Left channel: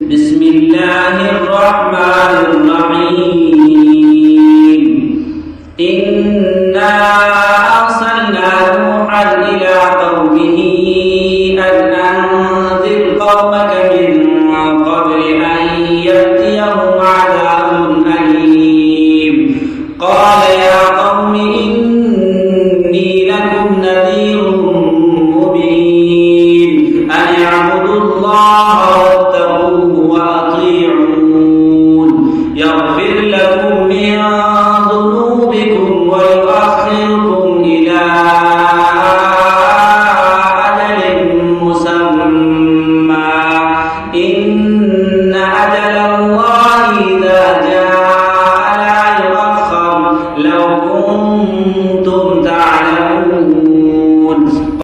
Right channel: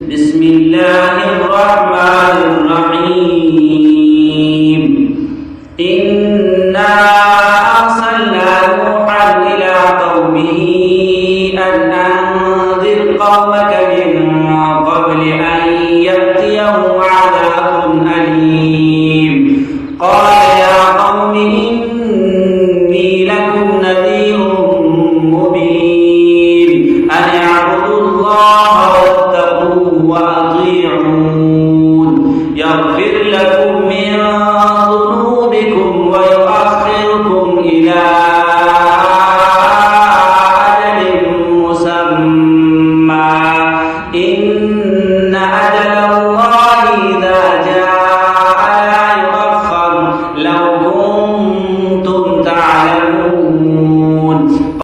بسم الله الرحمن الرحيم إنا أرسلنا نوحا إلى قومه أن أنذر قومك